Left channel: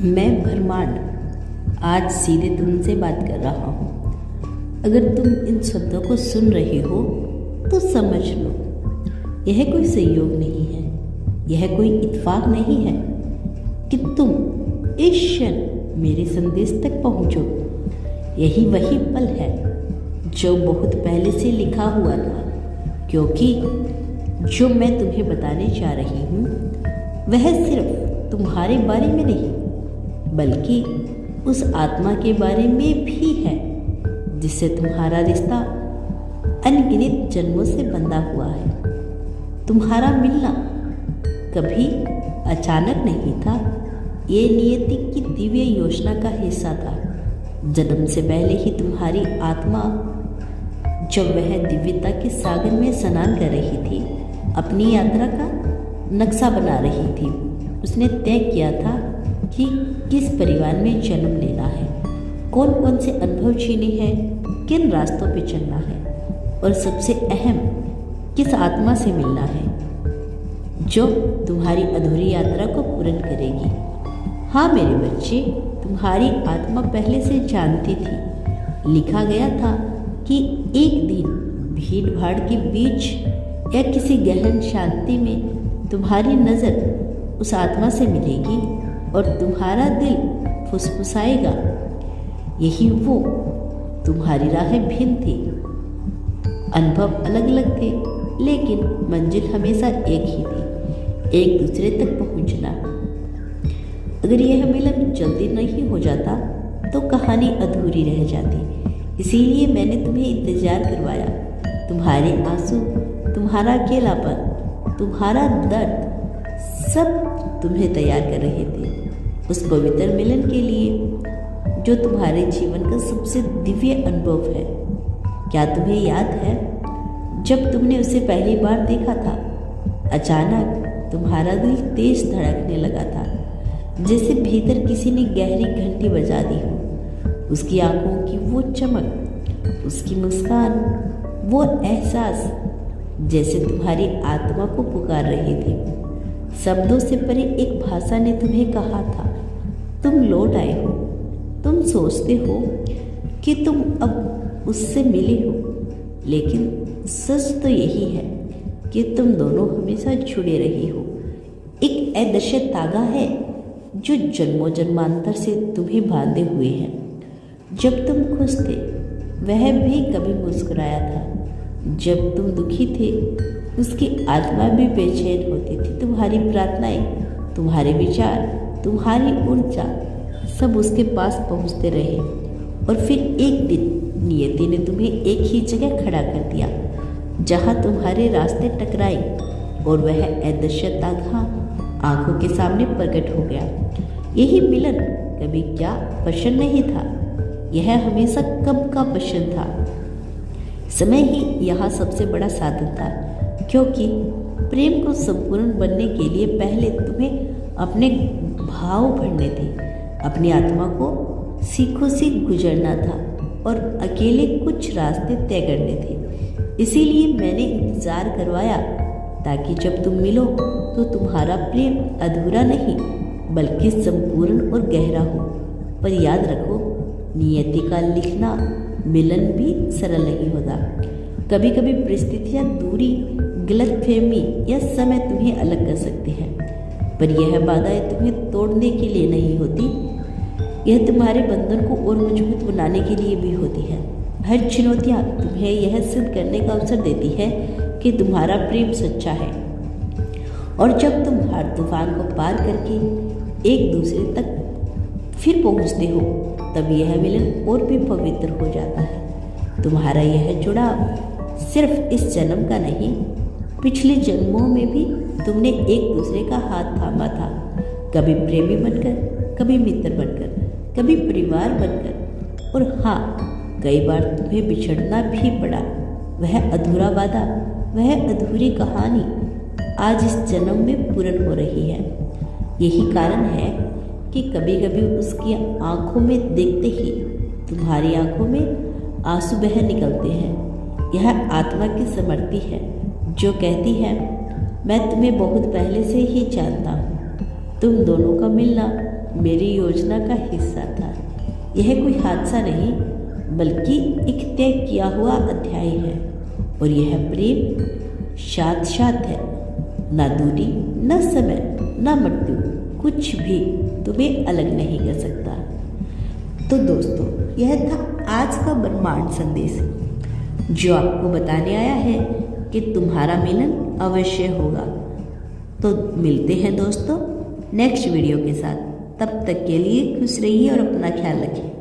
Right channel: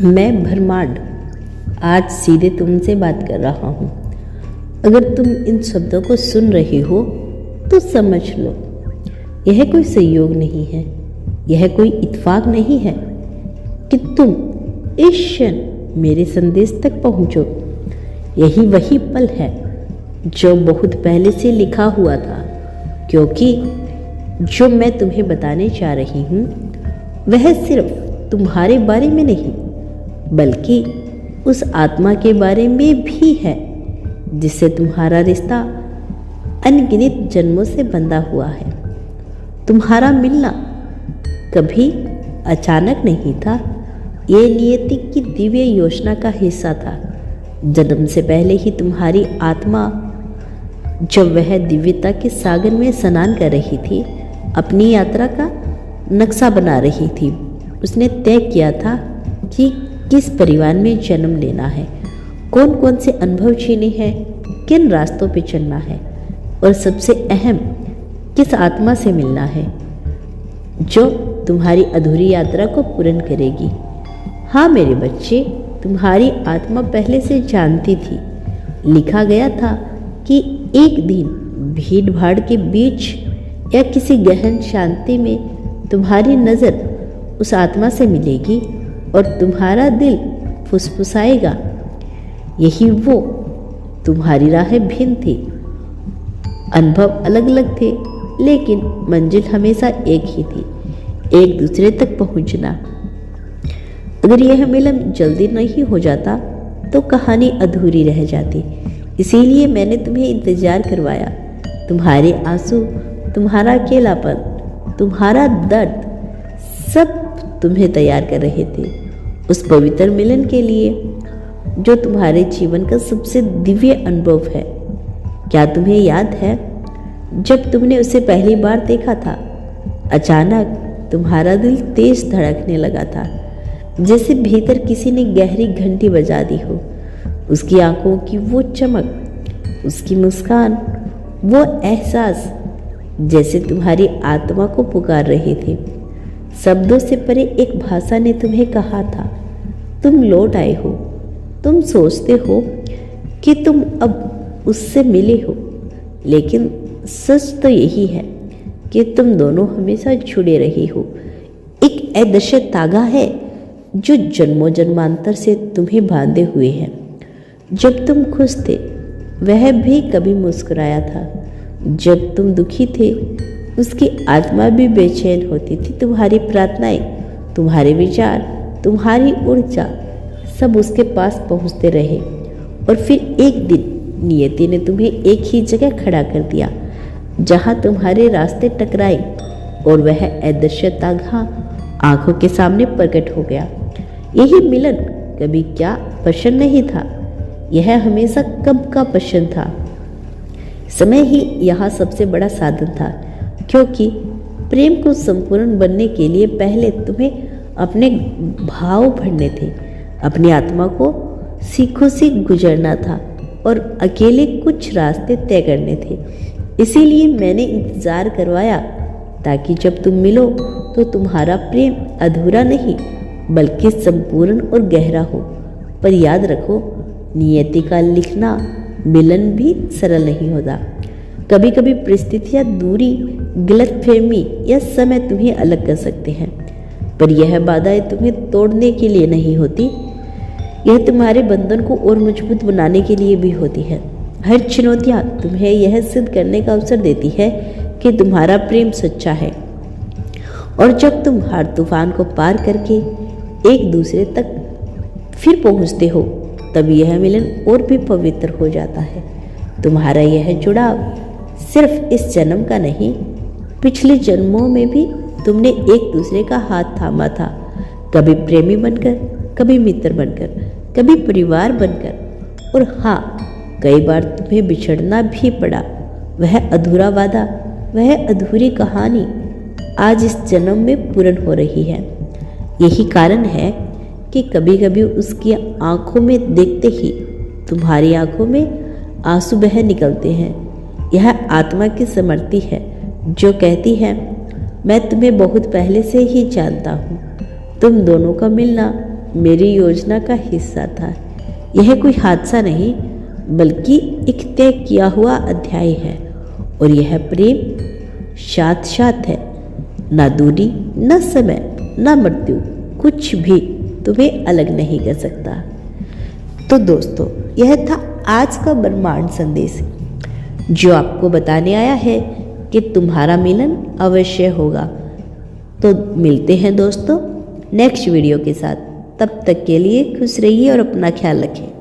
मैं ब्रह्मांड आज सीधे तुमसे बात कर रहा हूँ। अगर तुम इन शब्दों को सुन रही हो तो समझ लो, यह कोई संयोग नहीं है, यह कोई इत्तेफाक नहीं है कि तुम इस क्षण मेरे संदेश तक पहुँचो। यही वही पल है जो बहुत पहले से लिखा हुआ था, क्योंकि जो मैं तुम्हें बताने जा रही हूँ वह सिर्फ तुम्हारे बारे में नहीं बल्कि उस आत्मा के बारे में भी है जिससे तुम्हारा रिश्ता अनगिनत जन्मों से बंधा हुआ है। तुम्हारा मिलना कभी अचानक नहीं था, ये नियति की दिव्य योजना का हिस्सा था। जन्म से पहले ही तुम्हारी आत्मा, जब वह दिव्यता के सागर में स्नान कर रही थी, अपनी यात्रा का नक्शा बना रही थी। उसने तय किया था कि किस परिवार में जन्म लेना है, कौन कौन से अनुभव जीने हैं, किन रास्तों पे चलना है और सबसे अहम किस आत्मा से मिलना है जो तुम्हारी अधूरी यात्रा को पूर्ण करेगी। हाँ मेरे बच्चे, तुम्हारी आत्मा पहले से जानती थी। लिखा गया था कि एक दिन भीड़ भाड़ के बीच या किसी गहन शांति में तुम्हारी नज़र उस आत्मा से मिलेगी और तुम्हारा दिल फुसफुसाएगा। यही वो तुम्हारी राहें भिन्न थी, अनुभव अलग अलग थे, लेकिन मंजिल हमेशा एक ही थी, एक दूसरे तक पहुंचना। अगर यह मिलन जल्दी नहीं हो जाता तो कहानी अधूरी रह जाती। इसीलिए मैंने तुम्हें इंतजार करवाया। तुम्हारे आंसू, तुम्हारा अकेलापन, तुम्हारा दर्द, सब तुम्हें तैयार कर रहे थे उस पवित्र मिलन के लिए जो तुम्हारे जीवन का सबसे दिव्य अनुभव है। क्या तुम्हें याद है जब तुमने उसे पहली बार देखा था? अचानक तुम्हारा दिल तेज धड़कने लगा था, जैसे भीतर किसी ने गहरी घंटी बजा दी हो। उसकी आंखों की वो चमक, उसकी मुस्कान, वो एहसास जैसे तुम्हारी आत्मा को पुकार रहे थे। शब्दों से परे एक भाषा ने तुम्हें कहा था, तुम लौट आए हो। तुम सोचते हो कि तुम अब उससे मिले हो, लेकिन सच तो यही है कि तुम दोनों हमेशा जुड़े रहे हो। एक अदृश्य तागा है जो जन्मों जन्मांतर से तुम्हें बांधे हुए है। जब तुम खुश थे वह भी कभी मुस्कुराया था, जब तुम दुखी थे उसकी आत्मा भी बेचैन होती थी। तुम्हारी प्रार्थनाएं, तुम्हारे विचार, तुम्हारी ऊर्जा सब उसके पास पहुंचते रहे और फिर एक दिन नियति ने तुम्हें एक ही जगह खड़ा कर दिया जहां तुम्हारे रास्ते टकराए और वह अदृश्य तागा आंखों के सामने प्रकट हो गया। यही मिलन कभी क्या प्रश्न नहीं था, यह हमेशा कब का प्रश्न था। समय ही यहाँ सबसे बड़ा साधन था, क्योंकि प्रेम को संपूर्ण बनने के लिए पहले तुम्हें अपने भाव भरने थे, अपनी आत्मा को सीखों से गुजरना था और अकेले कुछ रास्ते तय करने थे। इसीलिए मैंने इंतजार करवाया ताकि जब तुम मिलो तो तुम्हारा प्रेम अधूरा नहीं बल्कि संपूर्ण और गहरा हो। पर याद रखो, नियति का लिखना मिलन भी सरल नहीं होता। कभी कभी परिस्थितियाँ, दूरी, गलतफहमी या समय तुम्हें अलग कर सकते हैं, पर यह बाधाएं तुम्हें तोड़ने के लिए नहीं होती, यह तुम्हारे बंधन को और मजबूत बनाने के लिए भी होती है। हर चुनौतियाँ तुम्हें यह सिद्ध करने का अवसर देती है कि तुम्हारा प्रेम सच्चा है। और जब तुम हर तूफान को पार करके एक दूसरे तक फिर पहुँचते हो, तब यह मिलन और भी पवित्र हो जाता है। तुम्हारा यह जुड़ाव सिर्फ इस जन्म का नहीं, पिछले जन्मों में भी तुमने एक दूसरे का हाथ थामा था, कभी प्रेमी बनकर, कभी मित्र बनकर, कभी परिवार बनकर, और हाँ, कई बार तुम्हें बिछड़ना भी पड़ा। वह अधूरा वादा, वह अधूरी कहानी आज इस जन्म में पूर्ण हो रही है। यही कारण है कि कभी कभी उसकी आंखों में देखते ही तुम्हारी आंखों में आंसू बह निकलते हैं। यह आत्मा की समृद्धि है जो कहती है, मैं तुम्हें बहुत पहले से ही जानता हूँ। तुम दोनों का मिलना मेरी योजना का हिस्सा था। यह कोई हादसा नहीं बल्कि एक तय किया हुआ अध्याय है, और यह प्रेम साथ साथ है। ना दूरी, ना समय, ना मृत्यु, कुछ भी तुम्हें अलग नहीं कर सकता। तो दोस्तों, यह था आज का ब्रह्मांड संदेश, जो आपको बताने आया है कि तुम्हारा मिलन अवश्य होगा। तो मिलते हैं दोस्तों नेक्स्ट वीडियो के साथ। तब तक के लिए खुश रहिए और अपना ख्याल रखें।